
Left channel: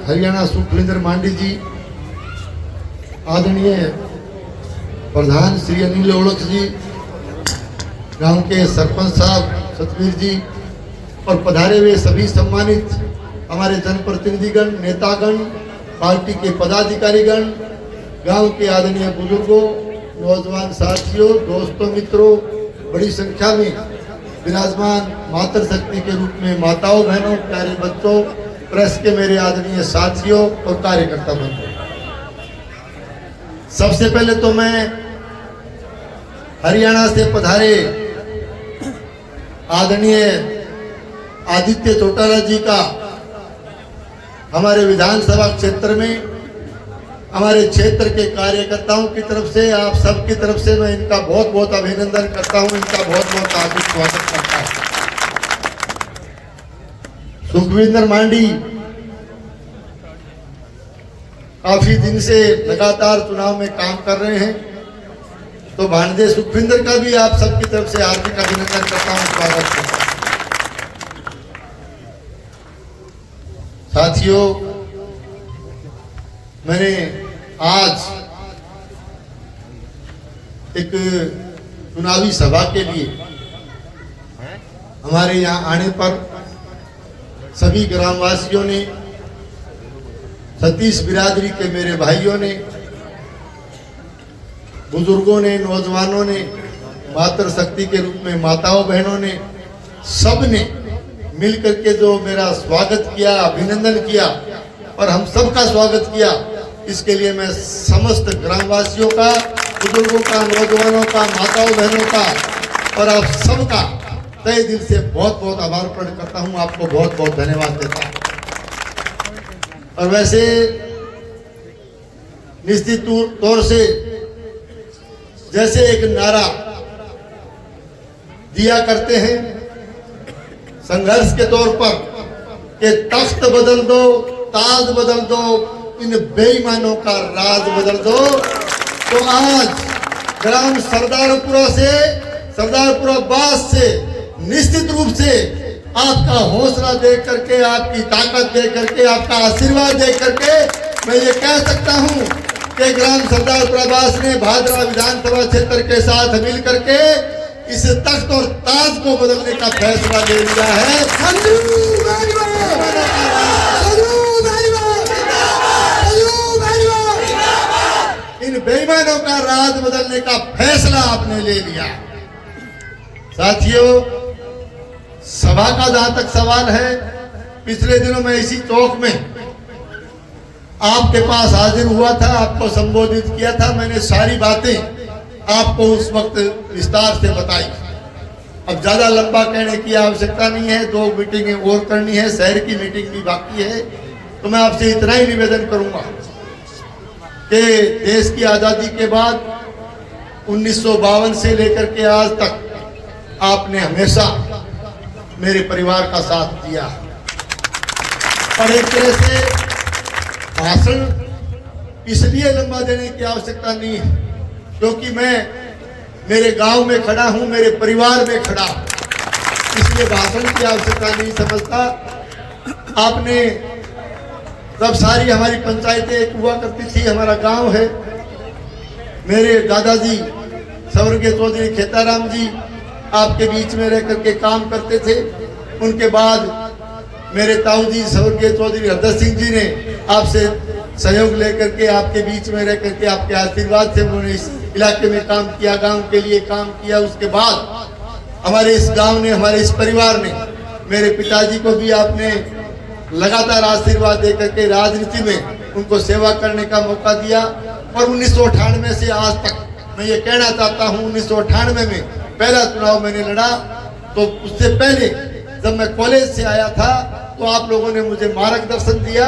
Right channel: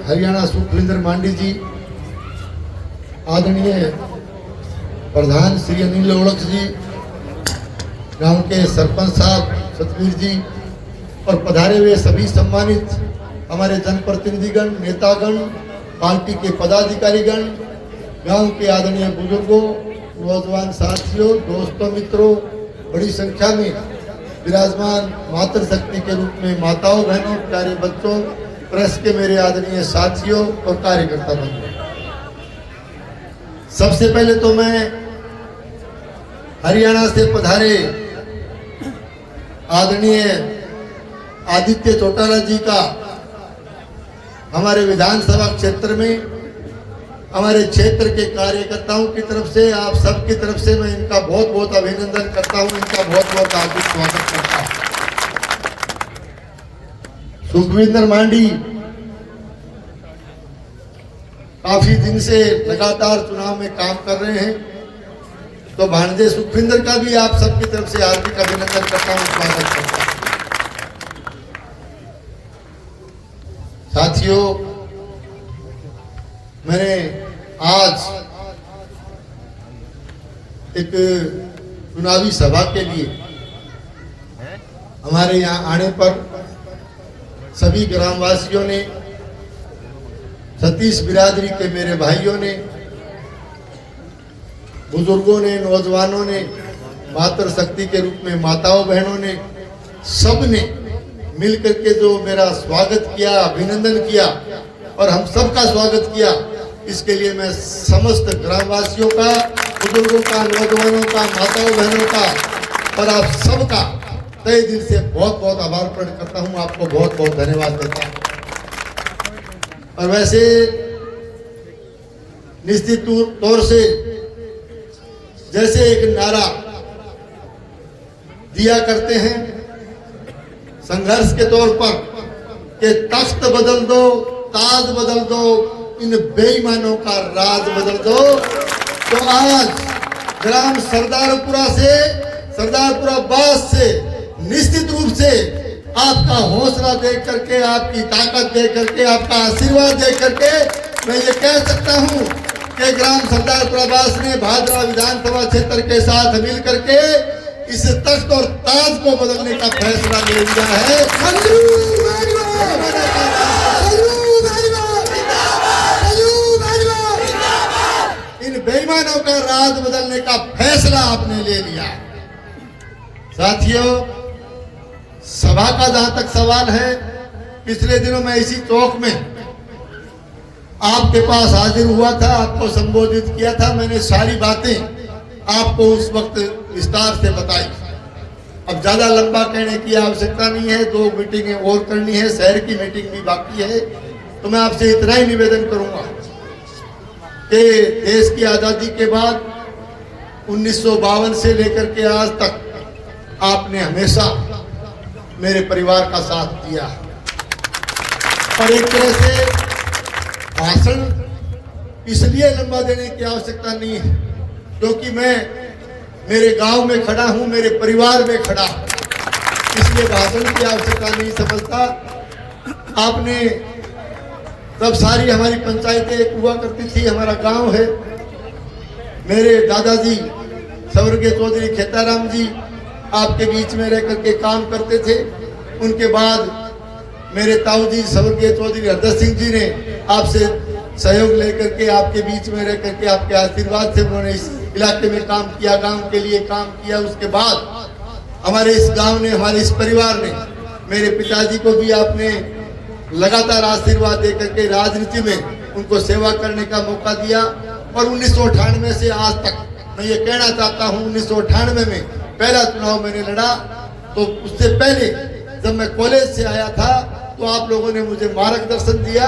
हरियाणा सुखविंदर मांडी जी, आदरणीय प्रधान श्री अनिल ओड़क जी, गांव के सरपंच साहब सतवीर जी और पधारे हुए सभी सम्मानित हमारे जनप्रतिनिधिगण, नेतागण, पार्टी के पदाधिकारीगण, गांव के आदरणीय बुजुर्गों, नौजवान साथियों, दोस्तों, मित्रों, बड़ी संख्या में विराजमान मातृशक्ति के रूप में माताओं, बहनों, प्यारे बच्चों, प्रेस के मेरे आदरणीय साथियों और कार्यकर्ता बंधुओं, सबसे पहले तो मैं हरियाणा से पधारे आदरणीय आदित्य चौटाला जी का हमारे विधानसभा क्षेत्र में हमारे क्षेत्र के कार्यकर्ताओं की तरफ से, आप सबकी तरफ से मैं इनका बहुत बहुत अभिनंदन करता हूं, इनका बहुत बहुत हार्दिक स्वागत करता हूं। सुखविंदर मांडी काफी दिन से लगातार चुनाव में काम कर रहे हैं, तो भांजे सुखविंदर का भी आप सबकी तरफ से हार्दिक अभिनंदन करता हूं, स्वागत करता हूं। साथियों, मैंने आज एक चुनावी सभा के लिए हमारे यहाँ आने पर सभी ग्रामवासियों ने, सतीश बिरादरी के मेरे भाइयों ने, बुजुर्गों ने, नौजवानों ने, मातृशक्ति के रूप में माताओं, बहनों ने, सब ने मिलकर के जो मेरा स्वागत किया, अभिनंदन किया और हम सबका स्वागत किया, इसके लिए मैं समस्त ग्रामवासियों का, बुजुर्गों का, नौजवानों का, माताओं, बहनों का और आप सबका तहे दिल से बहुत बहुत आभार प्रकट करता हूं, आपको बहुत बहुत धन्यवाद देता हूं। और वैसे निश्चित तौर से जैसे एक नारा दिया करते हैं संघर्ष के तौर पर कि तख्त बदल दो, ताज बदल दो, इन बेईमानों का राज बदल दो, तो आज ग्राम सरदारपुरा से, सरदारपुरा बास से निश्चित रूप से आपका हौसला देख करके, आपकी ताकत देख करके, आपका आशीर्वाद देख करके मैं ये कह सकता हूं कि ग्राम सरदारपुरा बास ने भादरा विधानसभा क्षेत्र के साथ मिल करके इस तख्त और ताज को बदलने का फैसला ले लिया है। इन बेईमानों का राज बदलने का फैसला आपने ले लिया। साथियों, सभा का जहां तक सवाल है, पिछले दिनों में इसी चौक में आपके पास हाजिर हुआ था, आपको संबोधित किया था, मैंने सारी बातें आपको उस वक्त विस्तार से बताई। अब ज्यादा लंबा कहने की आवश्यकता नहीं है, 2 मीटिंगें और करनी है, शहर की मीटिंग भी बाकी है। तो मैं आपसे इतना ही निवेदन करूंगा कि देश की आजादी के बाद 1952 से लेकर के आज तक आपने हमेशा मेरे परिवार का साथ दिया और एक तरह से भाषण इसलिए लंबा देने की आवश्यकता नहीं है क्योंकि मैं मेरे गांव में खड़ा हूं, मेरे परिवार में खड़ा हूं, इसलिए भाषण की आवश्यकता नहीं समझता। आपने तब सारी हमारी पंचायतें हुआ करती थी, हमारा गांव है, मेरे दादाजी स्वर्गीय चौधरी खेताराम जी आपके बीच में रह करके काम करते थे। उनके बाद मेरे ताऊ जी स्वर्गीय चौधरी हरदर सिंह जी ने आपसे सहयोग लेकर के आपके बीच में रह करके आपके आशीर्वाद से उन्होंने इस इलाके में काम किया, गांव के लिए काम किया। उसके बाद हमारे इस गांव ने, हमारे इस परिवार ने, मेरे पिताजी को भी आपने लगातार आशीर्वाद दे करके राजनीति में उनको सेवा करने का मौका दिया। और 1998 से आज तक मैं ये कहना चाहता हूँ, 1998 में पहला चुनाव मैंने लड़ा तो उससे पहले जब मैं कॉलेज से आया था तो आप लोगों ने मुझे मार्गदर्शन दिया,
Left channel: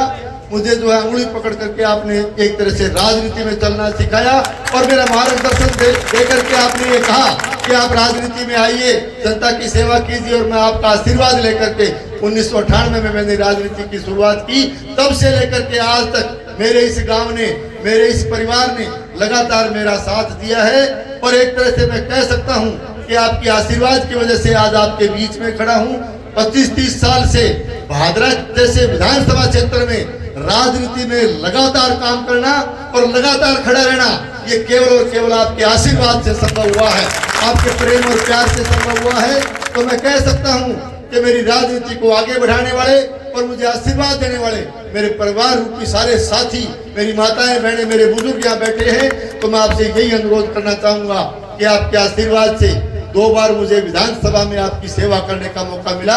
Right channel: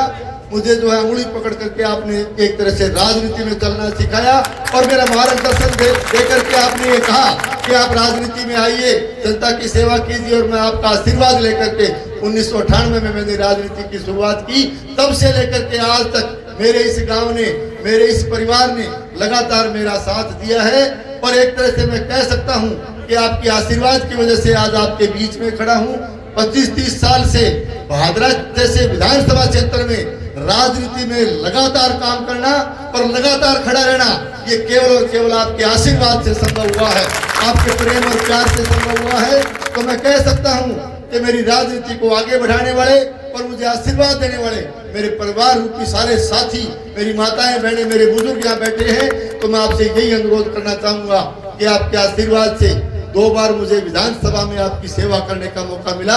मुझे जो है उंगली पकड़ करके आपने एक तरह से राजनीति में चलना सिखाया और मेरा मार्गदर्शन दे करके आपने ये कहा कि आप राजनीति में आइए, जनता की सेवा कीजिए। और मैं आपका आशीर्वाद लेकर के 1998 में मैंने राजनीति की शुरुआत की। तब से लेकर के आज तक मेरे इस गांव ने, मेरे इस परिवार ने लगातार मेरा साथ दिया है। और एक तरह से मैं कह सकता हूं कि आपके आशीर्वाद की वजह से आज आपके बीच में खड़ा हूं। 25-30 साल से भादरा जैसे विधानसभा क्षेत्र में राजनीति में लगातार काम करना और लगातार खड़ा रहना, ये केवल और केवल आपके आशीर्वाद से संभव हुआ है, आपके प्रेम और प्यार से संभव हुआ है। तो मैं कह सकता हूं कि मेरी राजनीति को आगे बढ़ाने वाले और मुझे आशीर्वाद देने वाले मेरे परिवार रूपी सारे साथी, मेरी माताएं बहनें, मेरे बुजुर्ग यहाँ बैठे हैं। तो मैं आपसे यही अनुरोध करना चाहूंगा कि आपके आशीर्वाद से 2 बार मुझे विधानसभा में आपकी सेवा करने का मौका मिला।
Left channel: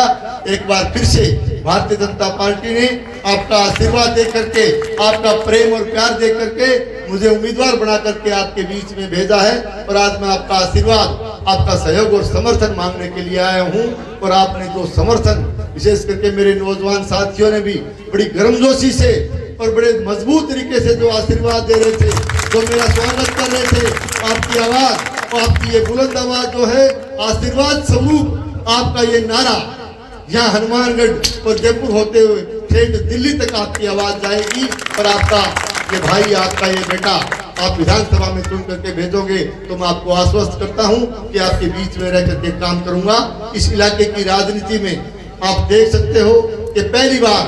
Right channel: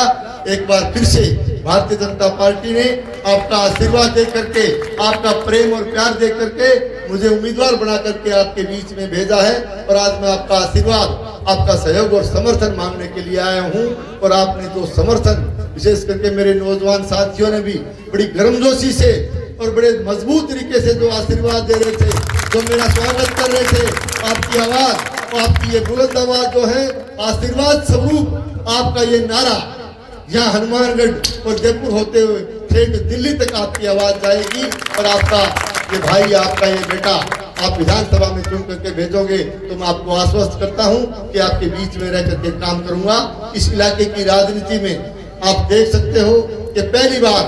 एक बार फिर से भारतीय जनता पार्टी ने आपका आशीर्वाद दे करके, आपका प्रेम और प्यार दे करके मुझे उम्मीदवार बना करके आपके बीच में भेजा है। और आज मैं आपका आशीर्वाद, आपका सहयोग और समर्थन मांगने के लिए आया हूं। और आपने जो समर्थन, विशेष करके मेरे नौजवान साथियों ने भी बड़ी गर्मजोशी से और बड़े मजबूत तरीके से जो आशीर्वाद दे रहे थे, जो मेरा स्वागत कर रहे थे, आपकी आवाज और आपकी ये बुलंद आवाज जो है, आशीर्वाद स्वरूप आपका ये नारा यहाँ हनुमानगढ़ और जयपुर होते हुए ठेठ दिल्ली तक आपकी आवाज जाएगी। और आपका ये भाई, आपका ये बेटा आप विधानसभा में चुन करके भेजोगे तो मैं आपको आश्वस्त करता हूं कि आपके बीच में रह करके काम करूंगा। इस इलाके की राजनीति में आप देख सकते हो कि पहली बार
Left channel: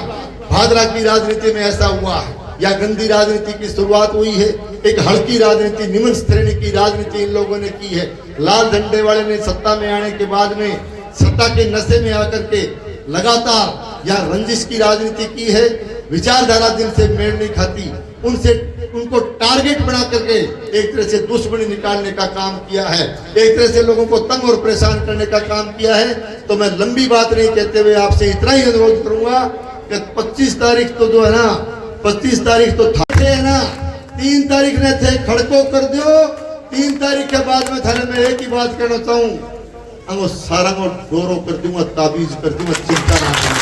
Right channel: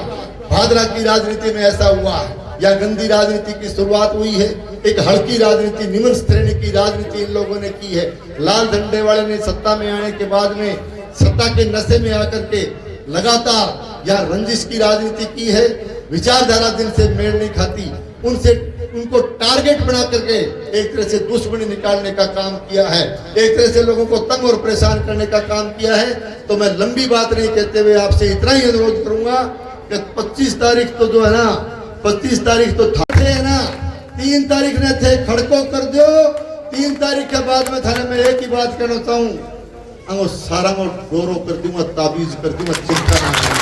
भादरा की राजनीति में ऐसा हुआ है, या गंदी राजनीति की शुरुआत हुई है। एक हल्की राजनीति, निम्न श्रेणी की राजनीति इन लोगों ने की है। लाल झंडे वाले ने सत्ता में आने के बाद में सत्ता के नशे में आकर के लगातार या रंजिश की राजनीति की है। विचारधारा जिनसे मेल नहीं खाती उनको टारगेट बना करके एक तरह से दुश्मनी निकालने का काम किया है, एक तरह से लोगों को तंग और परेशान करने का काम किया है। तो मैं लंबी बात नहीं कहते हुए आपसे इतना ही अनुरोध करूंगा कि 25 तारीख तो जो है ना, 25 तारीख तो थे है ना, 3 तारीख ने थे, खड़को कर दो। 3 तारीख के बाद में थाने में एक ही बात कहना चाहूँ, वो सारा मैं गौरव कर दूंगा, ताबीज कर दूंगा, चिंता नहीं।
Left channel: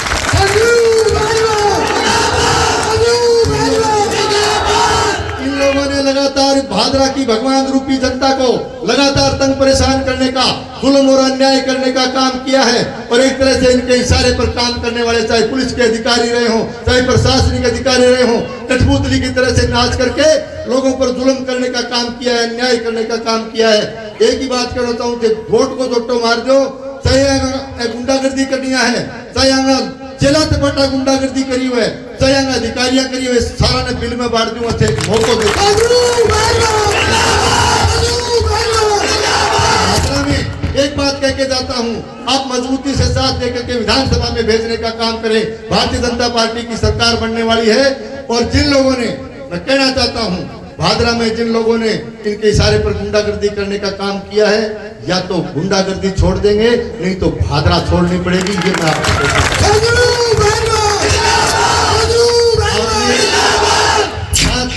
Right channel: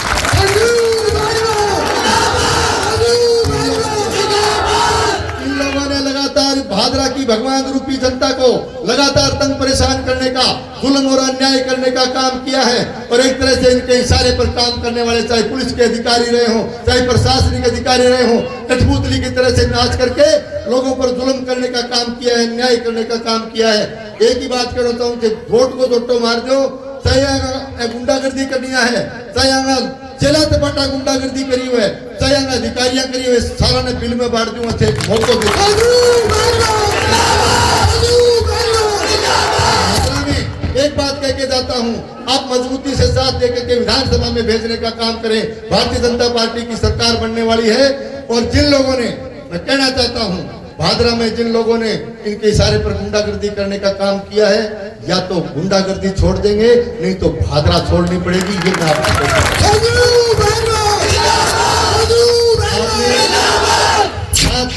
इन लोगों ने लगातार भादरा की भगवान रूपी जनता को लगातार तंग परेशान करने का, जुल्म और अन्याय करने का काम किया है। और एक तरह से इनके इशारे पर काम करने वाले, चाहे पुलिस के अधिकारी रहे हों, चाहे प्रशासनिक अधिकारी रहे हों, कठपुतली की तरह से नाच करके लोगों पर जुल्म करने का काम किया है, अन्याय करने का काम किया है। एक ही बात कहना चाहूँ कि वोट को दोटो मार दो, चाहे गुंडागर्दी करनी है, चाहे चला तो बटा गुंडागर्दी करी हुए, चाहे अधिकारियां करी हुए, सारा ने बिल में बांट दूंगा थे वोटों एक बात कह के जाता हूं, आप मजबूती से साथ लेकर के विधानसभा में भेजने का काम करें। भारतीय जनता पार्टी की सरकार बनने वाली है। और जिन लोगों ने, मैं कहना चाहता हूं, भादरा में जिन लोगों ने इनके इशारे पर गुंडागर्दी करने का काम किया है, या तो गुंडागर्दी छोड़ देंगे, नहीं तो भादरा छोड़नी पड़ेगी। ये मैं आपको कहता हूं।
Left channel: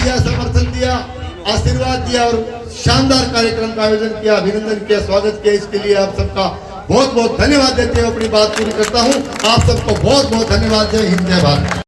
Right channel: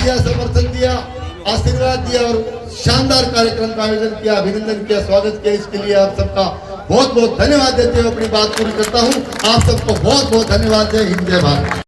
समर्थन दिया, आशीर्वाद दिया और शानदार कार्यक्रम का आयोजन किया, अभिनंदन किया, स्वागत किया, इसके लिए आप सबका बहुत बहुत धन्यवाद देते हुए अपनी बात पूरी करता हूँ। आप सबको बहुत बहुत धन्यवाद। जय हिंद, जय भारत।